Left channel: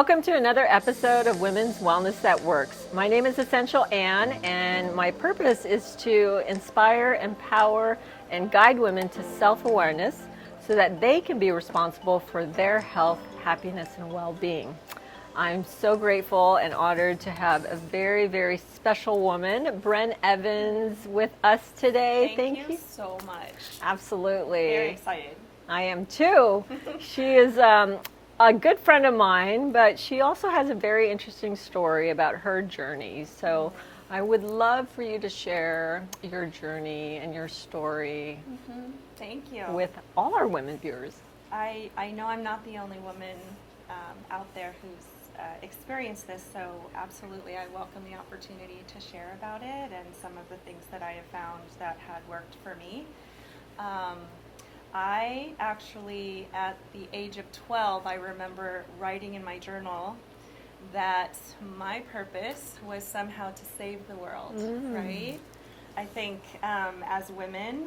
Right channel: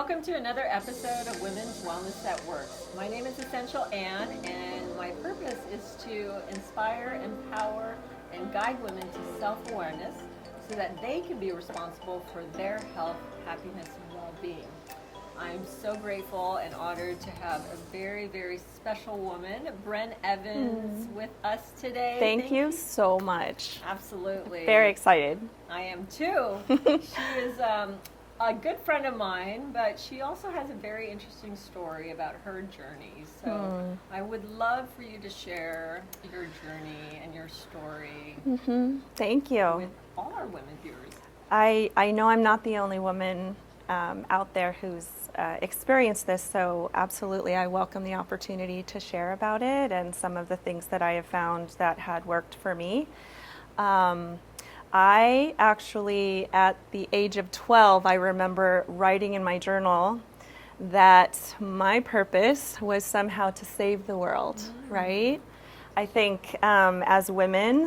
Welcome to another episode of Women's Wellness That Works. My name is Essential Ann, and my purpose is to inspire, empower, and guide women to self-awareness so that they can be responsible for their health, happiness, and well-being. I'm so grateful and honored to have a very, very special woman, Bren Evans, with us today. Thank you so much. Absolutely. Very excited. I am too. She is a good friend of mine, but she also has a very interesting story about her journey. So I would love for you to share your journey and your story Thank you. with all our women viewers. I know I'm not the only woman out there who's experienced this, so absolutely I welcome the opportunity to share about it and some of the things that I have found that had worked for me. I actually, at the age of 12, I remember writing in my journal that my purpose was somehow to save the world, right? I think as women,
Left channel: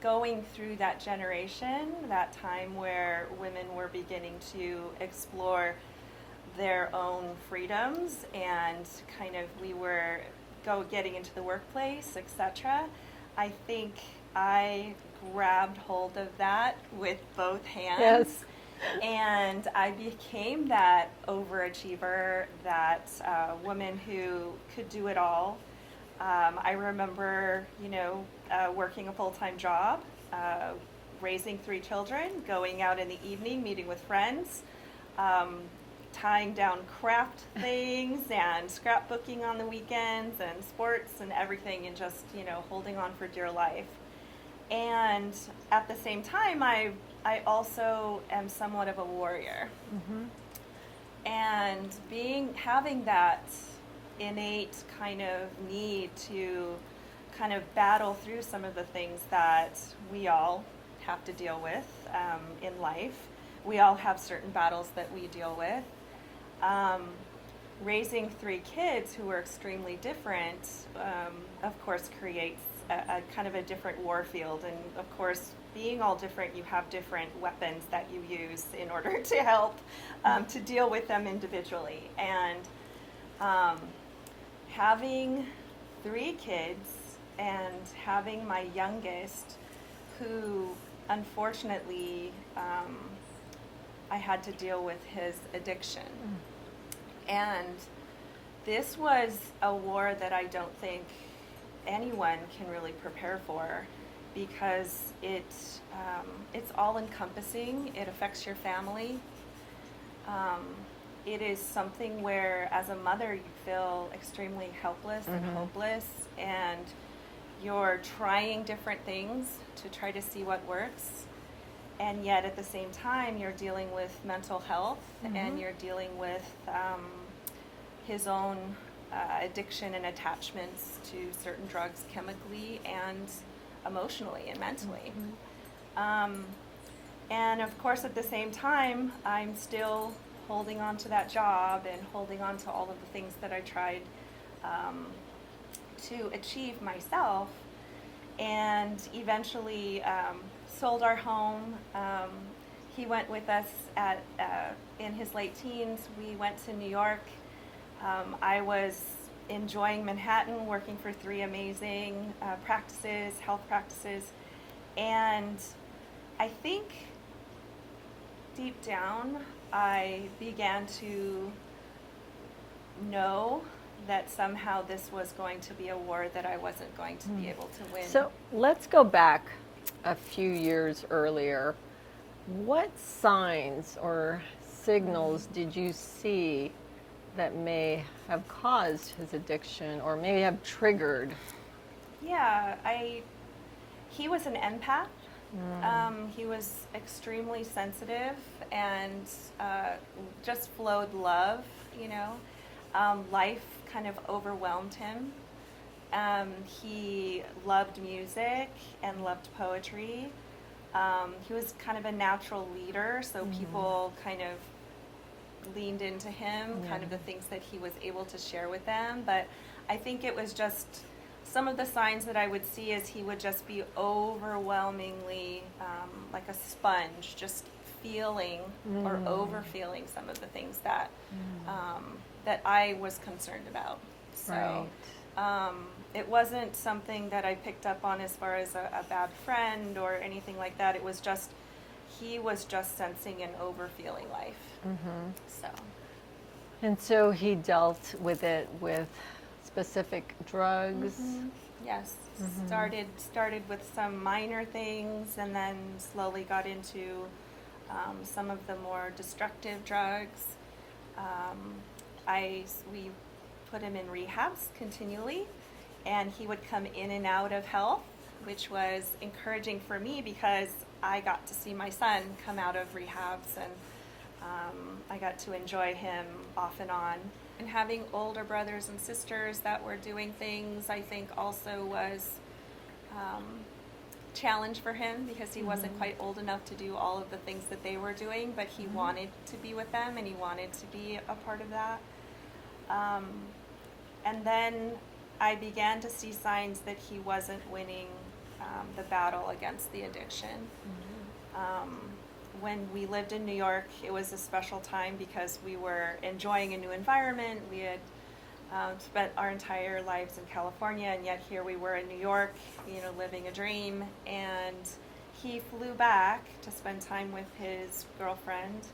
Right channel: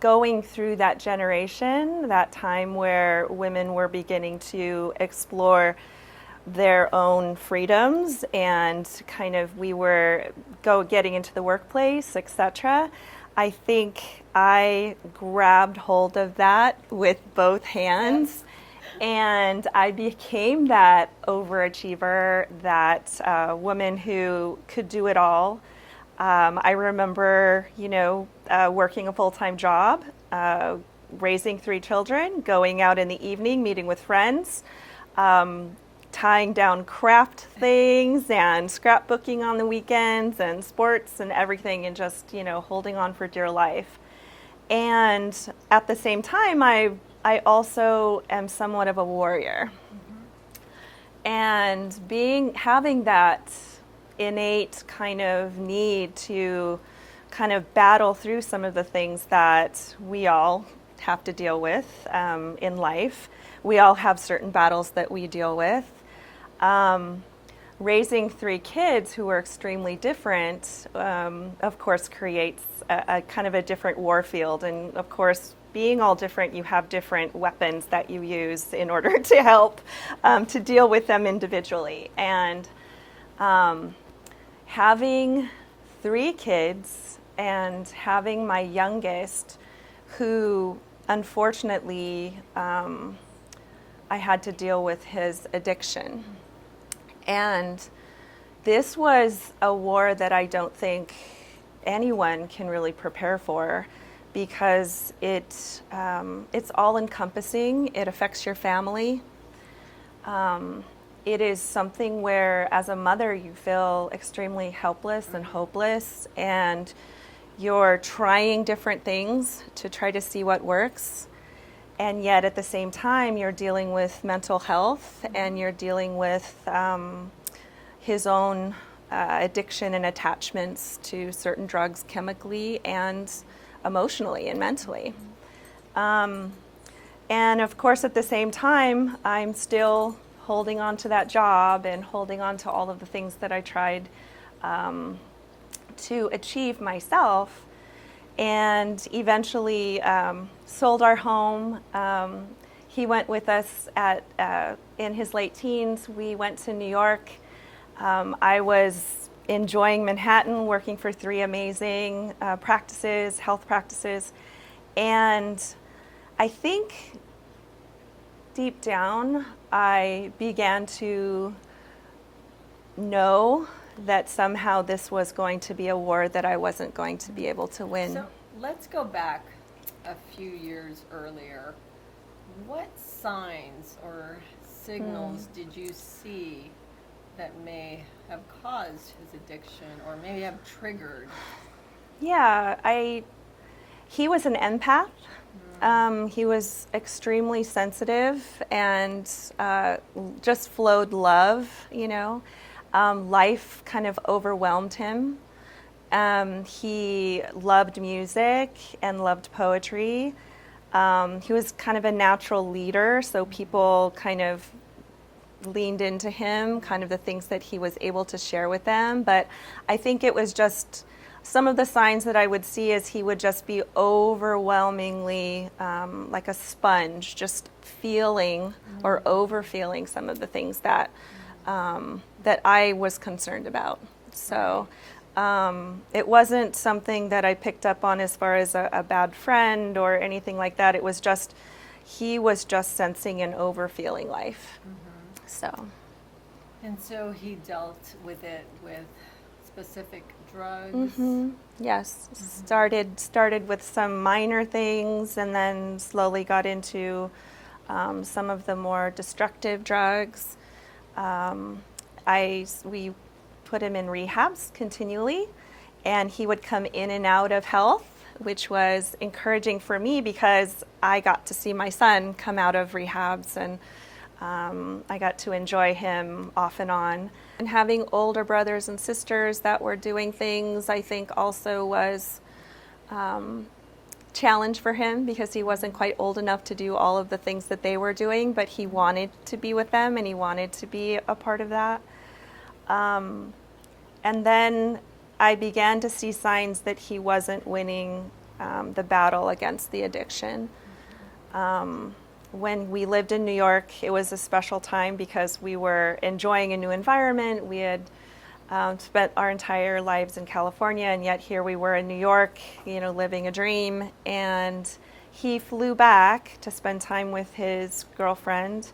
going through that generation, that time where women were beginning to explore their own freedoms and kind of we were getting into the workplace, etc., I think I grabbed hold of that with both hands. Yes. And I became that overachiever, that woman who could do it all. I remember, working a full-time job, raising 3 children, going out in the evening, meeting with friends, tying down craft things and scrapbooking on the weekends and sports and everything, and just, holding on for dear life. And at the same time, I also am somewhat of a warrior. And having that innate kind of need to kind of battle through some of the things that we all have to deal with in life. We all have certain battles that we deal with. Raising 3 kids who are extremely different, of course, creates a kind of a different war field. And of course, being all different, you have different weapons that you use in order to help to deal with them individually. And having 3 kids and having my youngest, who unfortunately I had to deal with his addiction. And this was a war that I don't think anyone can really prepare for, because it's all encompassing. It affects your family. It is something where, as a mother, you feel extremely helpless and hopeless, and you're trying different things to try to see what works. And yet at the same time, you're dealing with mental health and you're dealing with his own addiction and attachments to certain drugs chemically and emotionally and mentally. And of course, at the same time, I'm still holding on to that job and holding on to all of the things that I tried to achieve myself. And eventually sold our home. He went with us in his late teens. We went to New York. I was enjoying Manhattan, working for 3 amazing health practices. And I think deep down, I began to know that somehow this was going to be a war that I wasn't going to be able to win. So let's go back a few years earlier. What signs or signals did you see that may have caused his addiction or maybe have triggered? Yeah, he was an empath. He was extremely sensitive and just flowed love, Life kind of overwhelmed him. He loved music and loved poetry. He was kind of a natural leader, so people kind of leaned into him, kind of the things that he was able to share with them. But I think it was just some of the signs that I would see is he would just be overwhelmingly like a sponge, just feeling or over feeling some of the things that that I was concerned about. So it wasn't something that I picked up on as far as a bad friend or anything like that. It was just, he was just sensing an over feeling life. So. And so he dealt with it with specific drugs. Yes, started with some minor things, and then slowly got into some of the more destructive drugs. We put him in rehabs continually, and he would come in and out of health, which was encouraging for me because I got to see my son come out of rehabs, and I got to enjoy him off and on. And having older brothers and sisters that were doing things, I think also was challenge for him, because he wasn't quite old enough to do all of the things that they were doing, but he wanted to be with them and he wanted to be a part of that. And then I began to see signs that he wasn't winning the battle against the addiction. When we lived in New York, it was a special time because we were enjoying a new environment. We had spent our entire lives in California, and yet here we were in New York, living a dream. And he flew back to spend time with his girlfriend.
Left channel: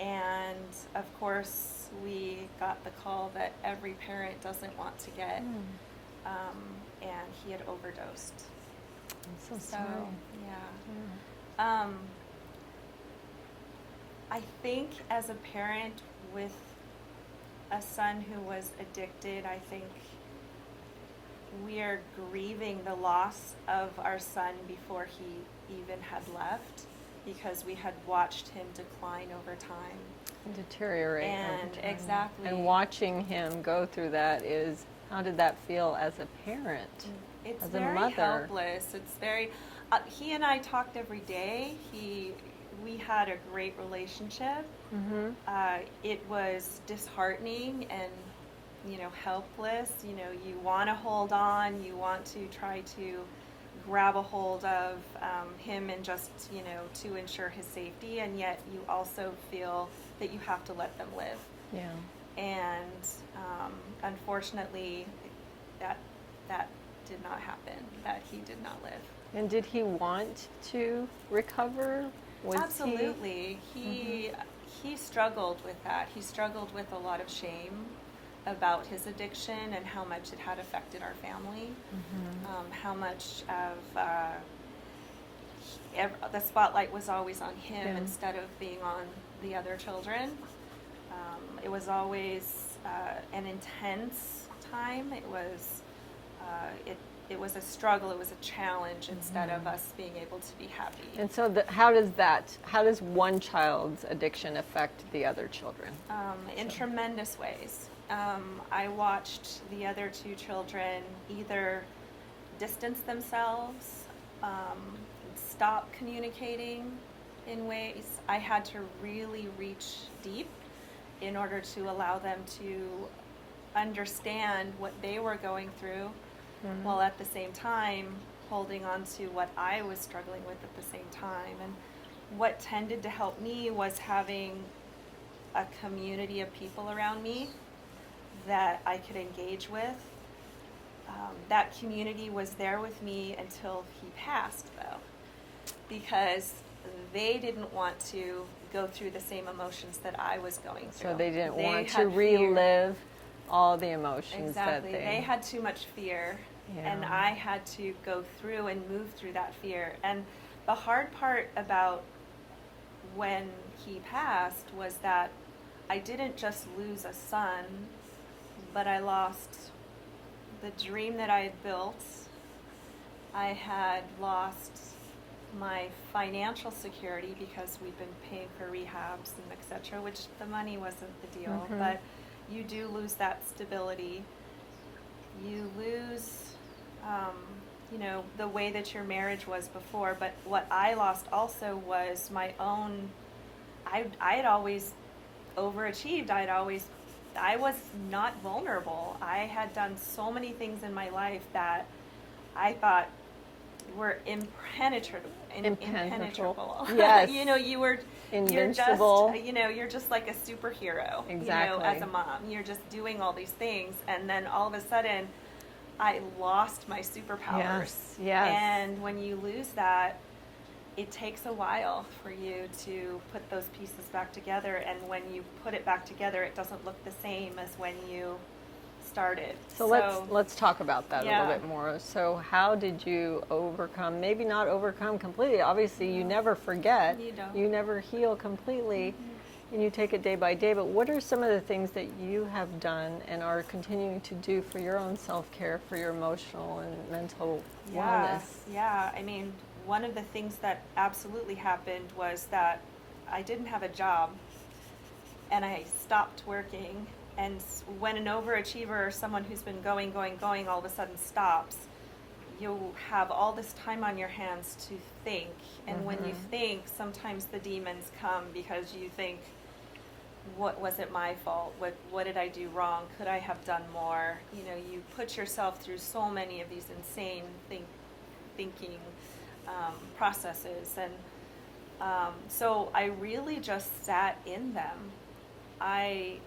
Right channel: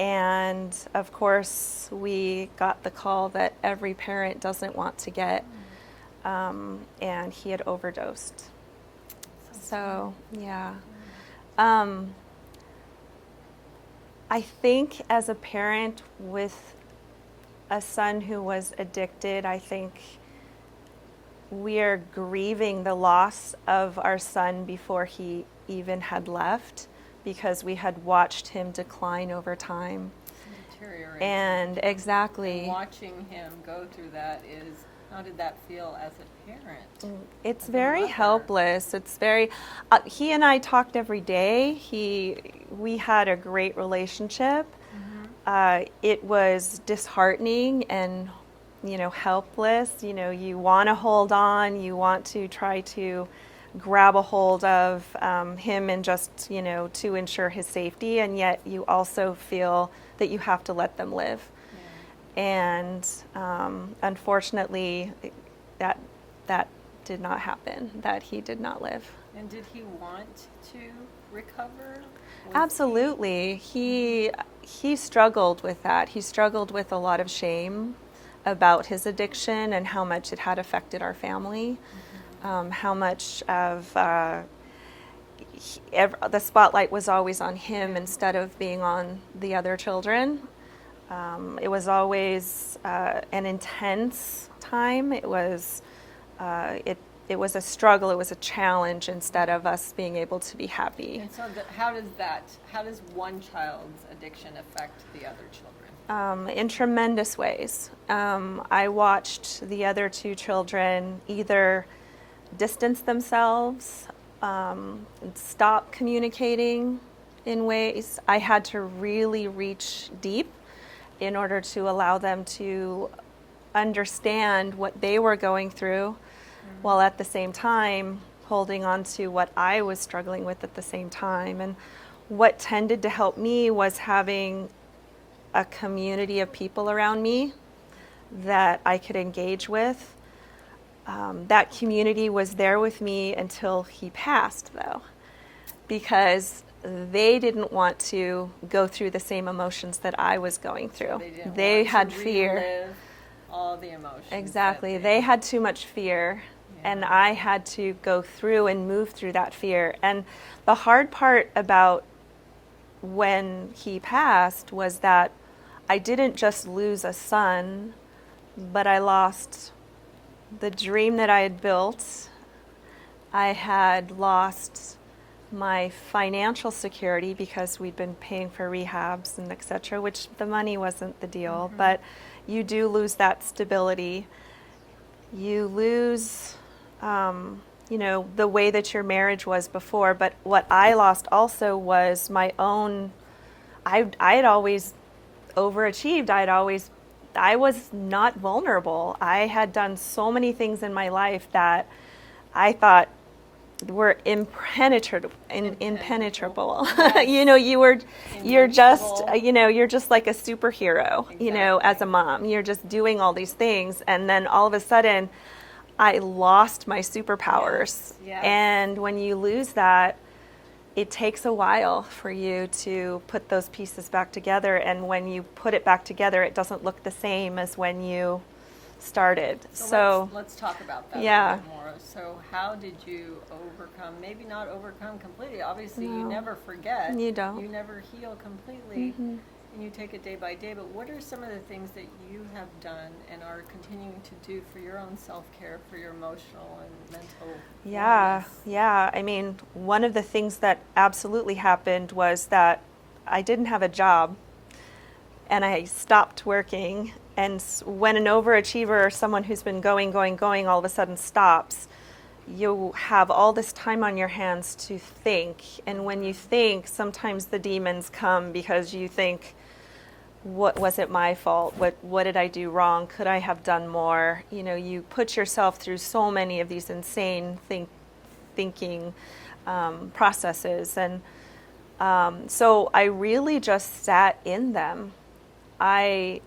And of course, we got the call that every parent doesn't want to get, and he had overdosed. So yeah. I think as a parent with a son who was addicted, I think we are grieving the loss of our son before he even had left, because we had watched him decline over time. Deteriorate. And exactly. And watching him go through that is, how did that feel as a parent? It's as a very mother? helpless. It's very, he and I talked every day. We had a great relationship. It was disheartening and, helpless. You want to hold on, you want to try to grab a hold of him and just, to ensure his safety, and yet you also feel that you have to let them live. Yeah. And unfortunately, that did not happen, that he did not live. And did he want to recover? Absolutely. He struggled with that. He struggled with a lot of shame about his addiction and how much it had affected our family, how much of the spotlight was always on him instead of being on the other children. It was always an intense time. It was it was a struggle. It was a challenge instead of us being able to be happy. And so, how does one child's addiction affect the other children? In tremendous ways. I watched the other two children either distance themselves, stop communicating in ways. I had to really reach deep in order to allow them to understand what they were going through, while at the same time holding on to what I was struggling with at the same time. And what tended to help me was having a community of people around me that I could engage with. That community was there with me until he passed, though, because they didn't want to go through the same emotions that I was going through. So they didn't they want had to fear. relive all the emotions. Exactly. They had too much fear, and I had to go through and move through that fear. And the hard part about when he passed was that I didn't just lose a son, but I lost the dream that I had built. I had lost my financial security because we'd been paying for rehabs and et cetera, which the money wasn't the deal, but you do lose that stability. You lose, the way that your marriage was before. But what I lost also was my own, I had always overachieved. I was not vulnerable. I had done so many things in my life that I thought were impenetrable. Yes. You're just, Invincible. you're just like a superhero, as Exactly. a mom. You're just doing all these things. And then all of a sudden, I lost my superpowers. Yes. And when you lose that, it takes a while for you to put those pieces back together. And when you put it back together, it doesn't look the same as when you started. So let's talk about that a Yeah. little bit more. So how did you overcome, maybe not overcome completely, obviously you never forget. You don't. You never heal completely, and you take it day by day, but what are some of the things that you have done and are continuing to do for your own self-care, for your emotional and mental Yeah, wellness? yeah. I mean, one of the things that absolutely happened was that I didn't have a job and I stopped working. And when an overachiever or someone who's been going, all of a sudden stops, you have all this time on your hands to think. And when you think, sometimes the demons come because you think, what was it my fault? What did I do wrong? Could I have done more? You put yourself through so many of these insane thinking processes. And so I really just sat in them. I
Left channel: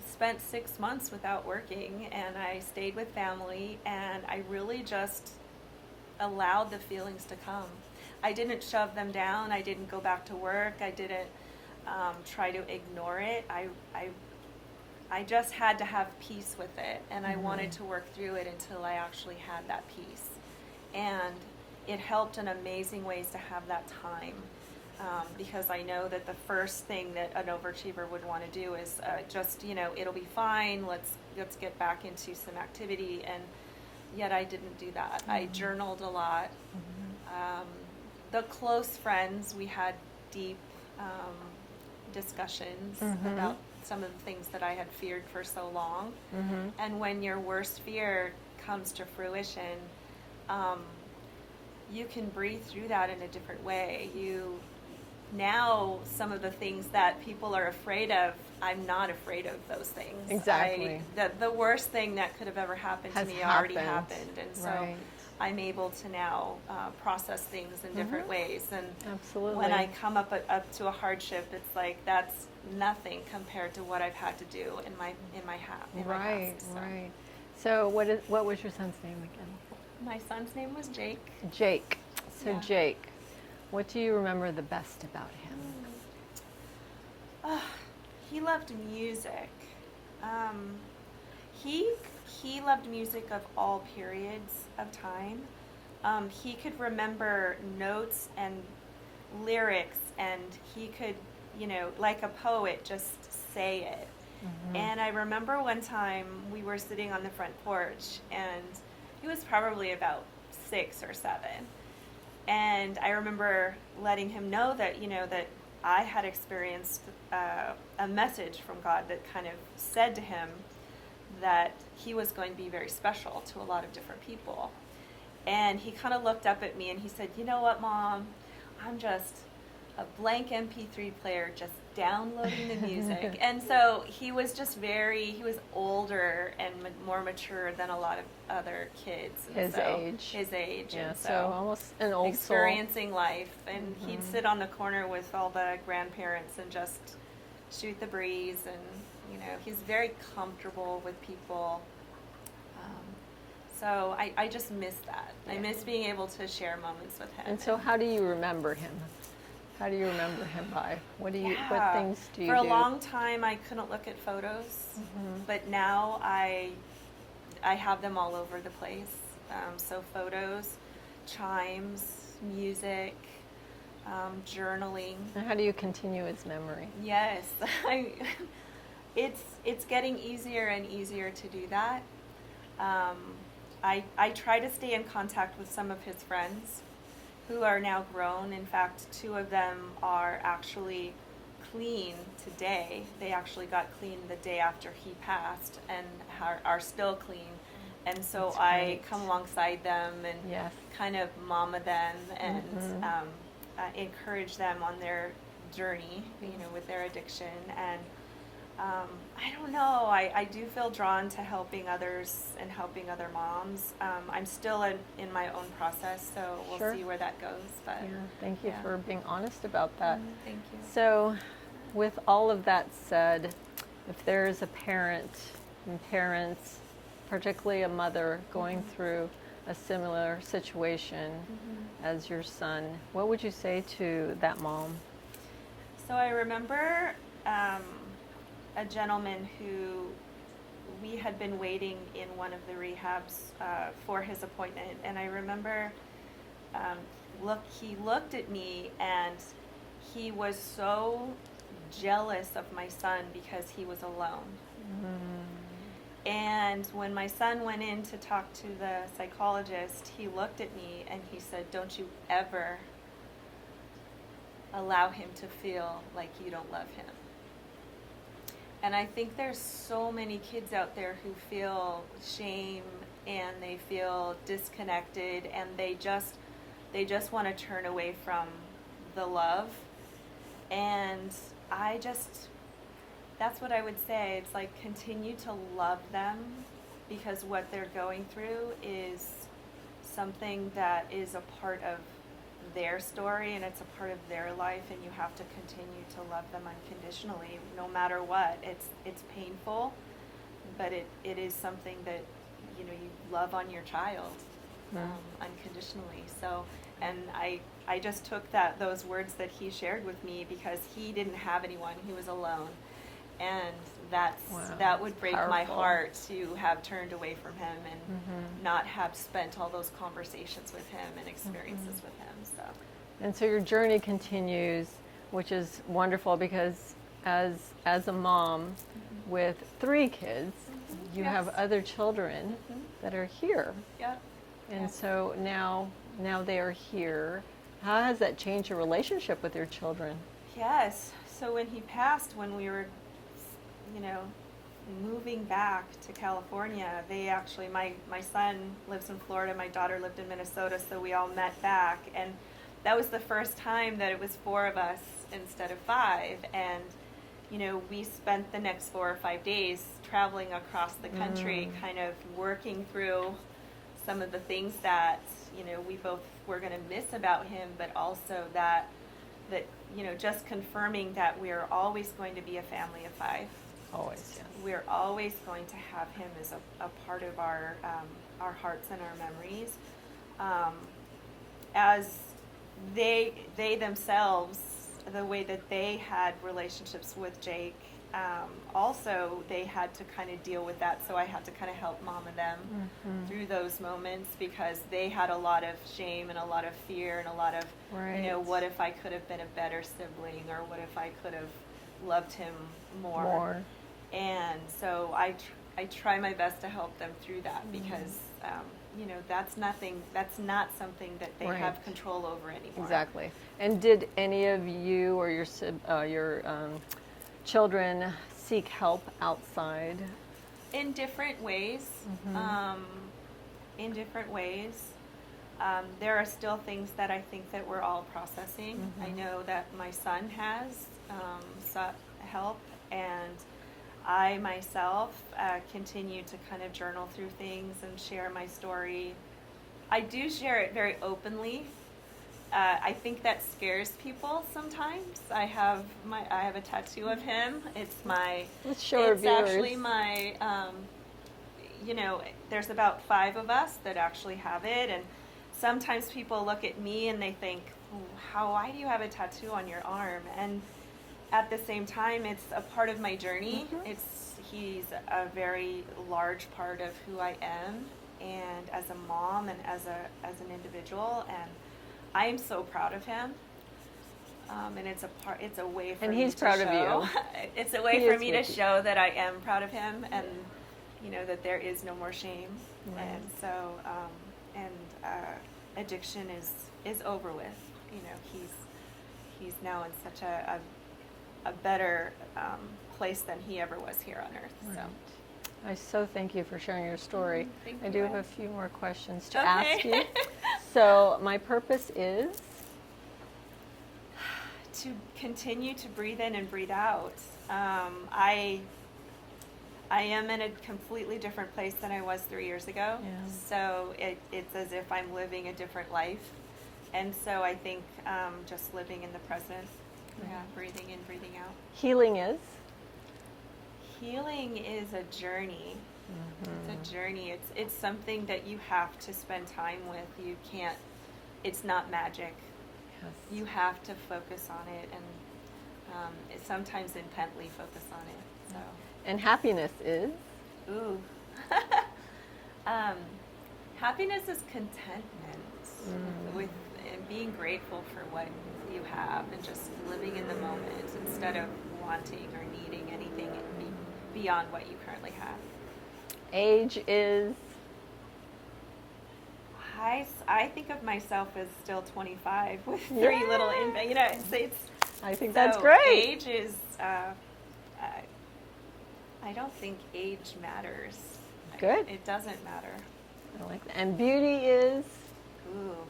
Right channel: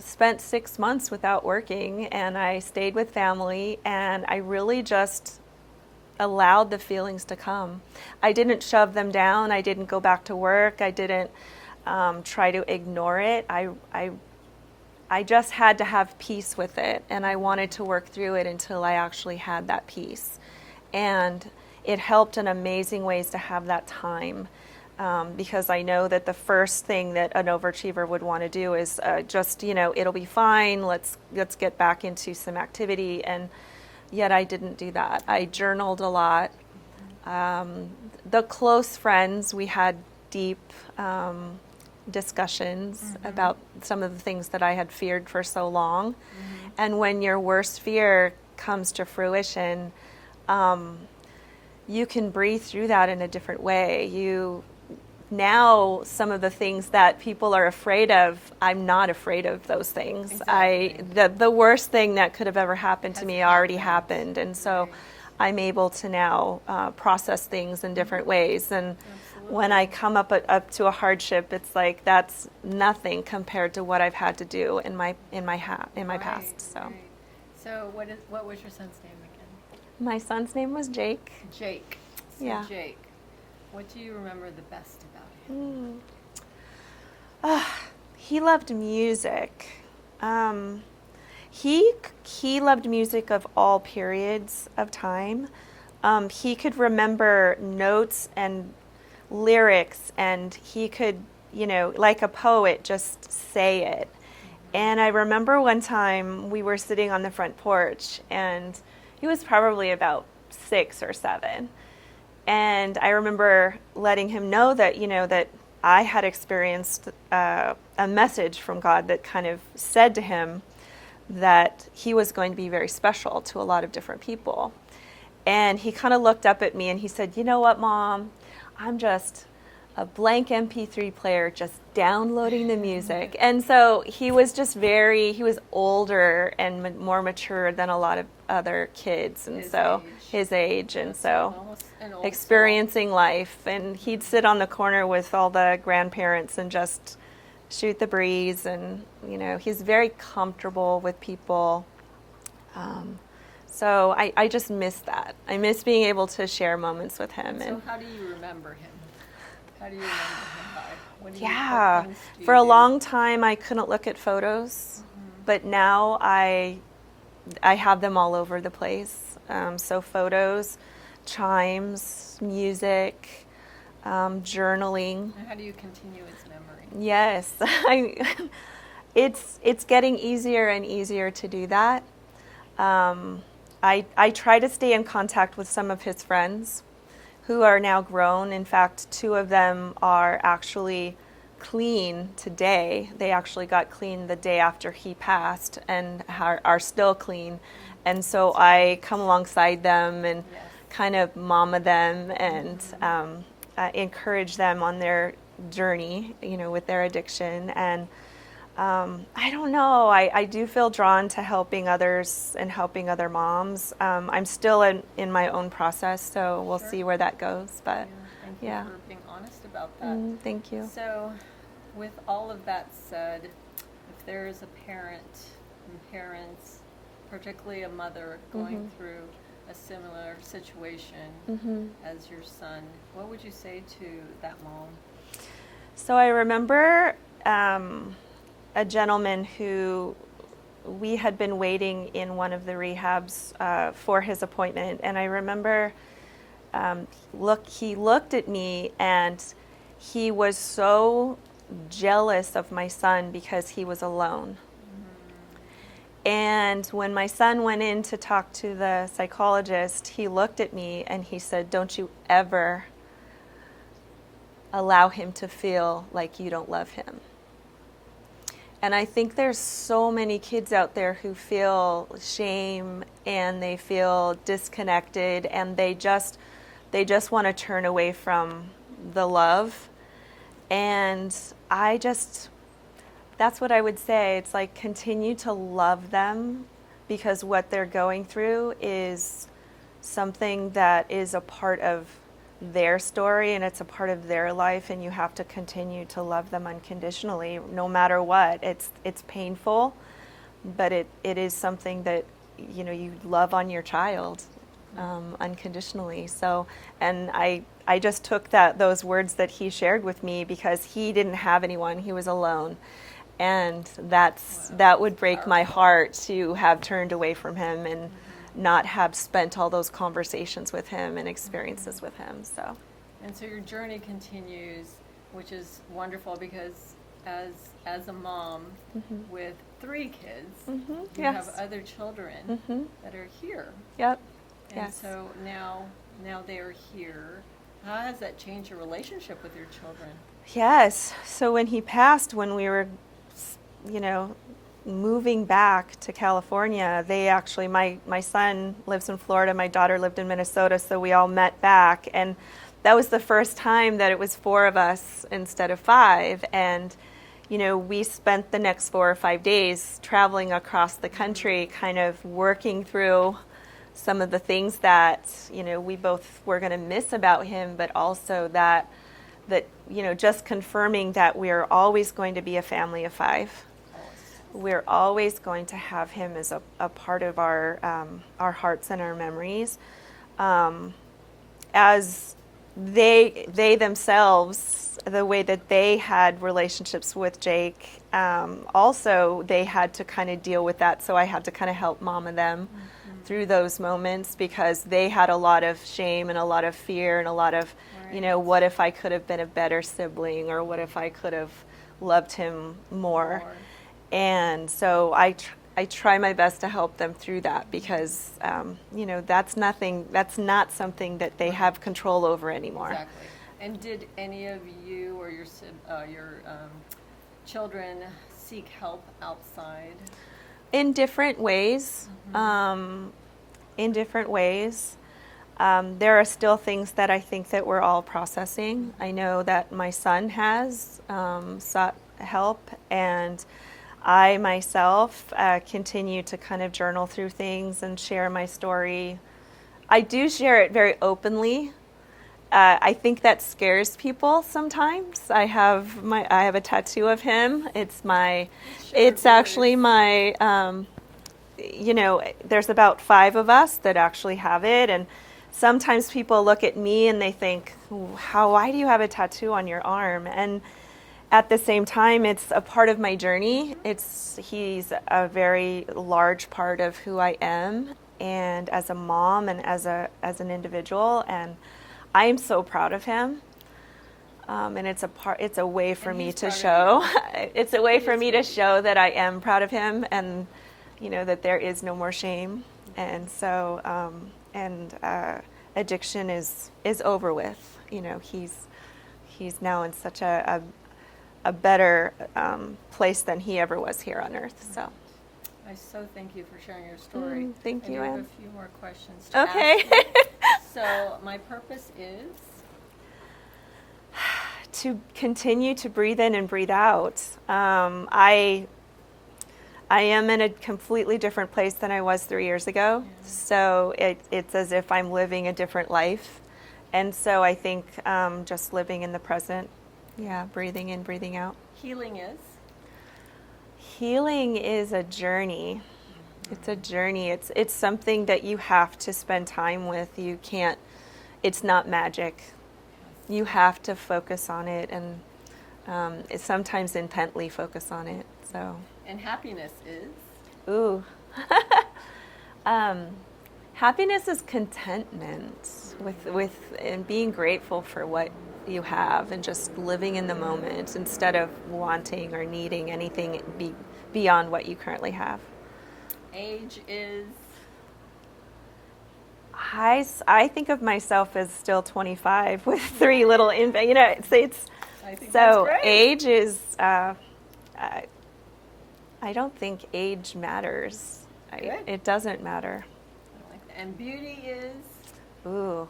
spent 6 months without working, and I stayed with family, and I really just allowed the feelings to come. I didn't shove them down. I didn't go back to work. I didn't try to ignore it. I just had to have peace with it, and I wanted to work through it until I actually had that peace. And it helped in amazing ways to have that time. Because I know that the first thing that an overachiever would want to do is it'll be fine. Let's get back into some activity, and yet I didn't do that. I journaled a lot. The close friends, we had deep discussions about some of the things that I had feared for so long. And when your worst fear comes to fruition, you can breathe through that in a different way. Now, some of the things that people are afraid of, I'm not afraid of those things. Exactly. The worst thing that could have ever happened to Has me already happened. happened. And so Right. I'm able to now process things in different ways. And Absolutely. when I come up to a hardship, it's like that's nothing compared to what I've had to do in my past. So Right. So what was your son's name again? my son's name was Jake. Jake. So Yeah. Jake, what do you remember the best about him? He loved music. He loved music of all periods of time. He could remember notes and lyrics, and he could, like a poet, just say it. And I remember one time we were sitting on the front porch, and he was probably about 6 or 7. And I remember letting him know that, that I had experienced a message from God that kind of said to him that he was going to be very special to a lot of different people. And he kind of looked up at me and he said, "You know what, Mom? I'm just a blank MP3 player just downloading the music." And so he was just he was older and more mature than a lot of other kids. And his age. Yeah, And so almost an old experiencing life. And he'd sit on the corner with all the grandparents and just shoot the breeze. And, he's very comfortable with people. So I just miss that. I miss being able to share moments with him. And so how do you remember him? How do you remember him by? What things do you For a do? long time I couldn't look at photos, but now I have them all over the place. So photos, chimes, music, journaling. And how do you continue his memory? Yes, it's getting easier and easier to do that. I try to stay in contact with some of his friends who are now grown. In fact, 2 of them are actually clean today. They actually got clean the day after he passed and are still clean. And so I come alongside them and Yes. kind of mama them and encourage them on their journey, with their addiction. And I don't know. I do feel drawn to helping others and helping other moms. I'm still in my own process, so we'll Sure. see where that goes. But Yeah, thank you yeah. for being honest about that. Thank you. So, with all of that said, if there's a parent and parents, particularly a mother, going through a similar situation as your son, what would you say to that mom? So I remember a gentleman who we had been waiting in one of the rehabs for his appointment, and I remember he looked at me and he was so jealous of my son because he was alone. And when my son went in to talk to the psychologist, he looked at me and he said, "Don't you ever allow him to feel like you don't love him." And I think there's so many kids out there who feel shame and they feel disconnected and they just want to turn away from the love. And that's what I would say. It's like, continue to love them, because what they're going through is something that is a part of their story and it's a part of their life, and you have to continue to love them unconditionally no matter what. It's painful, but it is something that you love on your child unconditionally. So, and I just took those words that he shared with me, because he didn't have anyone, he was alone. And that would break my heart to have turned away from him and not have spent all those conversations with him and experiences with him. And so your journey continues, which is wonderful, because as a mom with 3 kids, you have other children that are here. Yep. And so now they are here. How has that changed your relationship with your children? Yes. So when he passed, when we were moving back to California, they actually, my son lives in Florida, my daughter lived in Minnesota, so we all met back, and that was the first time that it was 4 of us instead of 5. And we spent the next 4 or 5 days traveling across the country, kind of working through some of the things that we both were going to miss about him, but also that just confirming that we're always going to be a family of 5. Always. Yes. We're always going to have him as a part of our hearts and our memories. As they themselves, the way that they had relationships with Jake, also they had to kind of deal with that. So I had to kind of help mom and them through those moments, because they had a lot of shame and a lot of fear and a lot of, what if I could have been a better sibling, or what if I could have loved him more. And so I try my best to help them through that, because that's not something that they have control over anymore. Exactly. And did any of you or your children seek help outside? In different ways. There are still things that I think that we're all processing. I know that my son has sought help, and I myself continue to kind of journal through things and share my story. I do share it very openly. I think that scares people sometimes. I have a tattoo of him. It's actually my there's about 5 of us that actually have it, and sometimes people look at me and they think, why do you have a tattoo on your arm? And at the same time, it's a part of my journey. He's a very large part of who I am, and as a mom and as an individual, and I am so proud of him. And it's a way for me to show. It's a way for me to show that I am proud of him, and that there is no more shame. And so addiction is over with. He's now in such a better place than he ever was here on earth. So I so thank you for sharing your story. Thank you. I do have a few more questions to ask you. So my purpose is to continue to breathe in and breathe out. I am in a completely different place than I was 3 years ago. Yeah. So it's as if I'm living a different life. And so I think just living in the present, breathing in, breathing out. Healing is? Healing is a journey. It's a journey. It's something that you have to spend time with. You can't, it's not magic. Yes. You have to focus on it and sometimes intently focus on it. So. And happiness is? Ooh. Happiness is contentment with and being grateful for what you have and just living in the moment instead of wanting or needing anything beyond what you currently have. Age is? I think of myself as still 25 with 3 little infants. You know, it's I think so that's great. age is. I don't think age matters. Good. It doesn't matter. I like that. And beauty is? Ooh,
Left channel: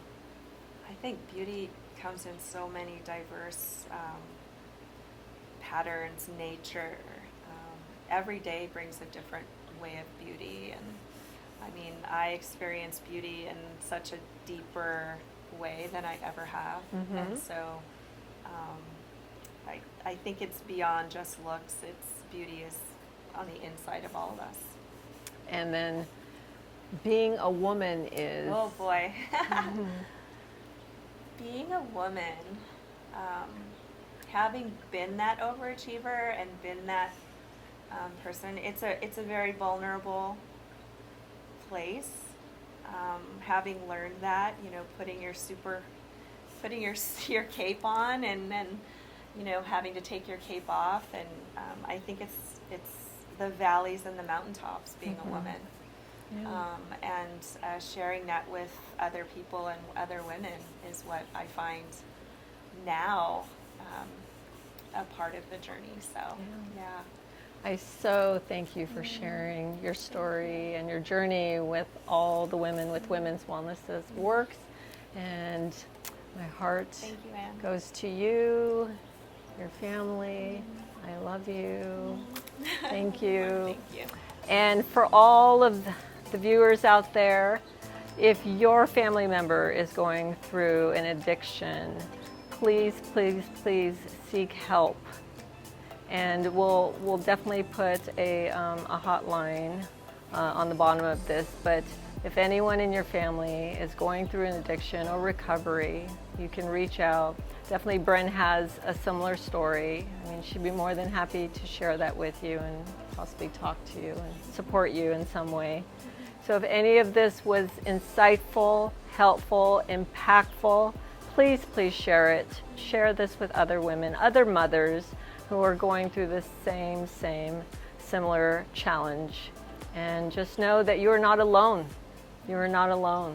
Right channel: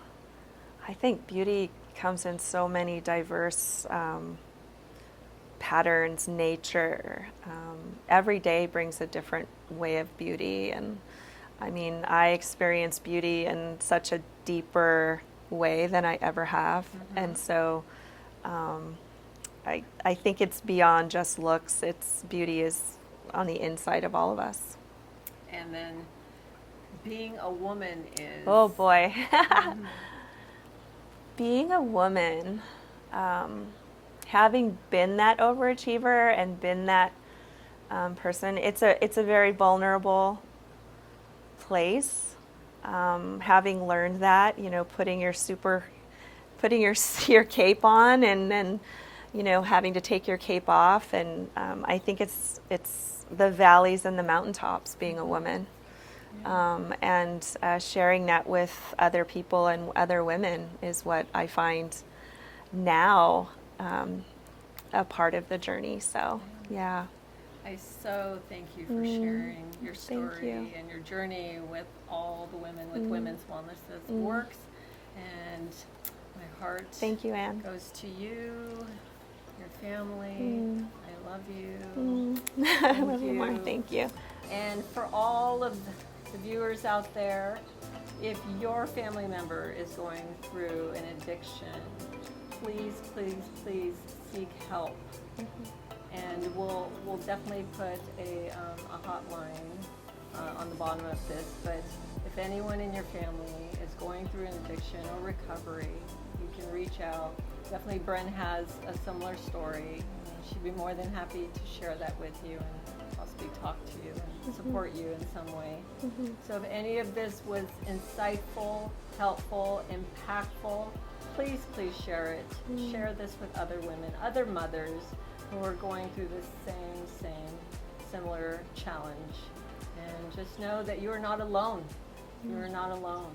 I think beauty comes in so many diverse patterns, nature. Every day brings a different way of beauty. And I mean, I experience beauty in such a deeper way than I ever have. Mm-hmm. And so I think it's beyond just looks. Beauty is on the inside of all of us. And then being a woman is? Oh boy. Being a woman, having been that overachiever and been that person, it's a very vulnerable place. Having learned that, you know, putting your cape on and then, you know, having to take your cape off, and I think it's the valleys and the mountaintops being a woman. Yeah. And sharing that with other people and other women is what I find now a part of the journey. So, yeah. I so thank you for sharing your story and your journey with all the women with Women's Wellness That Works. And my heart Thank you, Anne. goes to you, your family. I love you. Thank you. Thank you. And for all of the viewers out there, if your family member is going through an addiction, please, please, please seek help. And we'll definitely put a hotline on the bottom of this. But if anyone in your family is going through an addiction or recovery, you can reach out. Definitely Bren has a similar story. I mean, she'd be more than happy to share that with you and possibly talk to you and support you in some way. So if any of this was insightful, helpful, impactful, please, please share it. Share this with other women, other mothers who are going through the same similar challenge. And just know that you are not alone. You are not alone.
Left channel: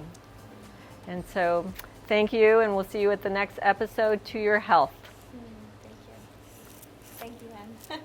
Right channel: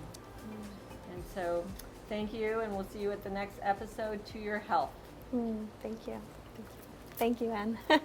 And so thank you, and we'll see you at the next episode. To your health. Thank you. Thank you, Anne.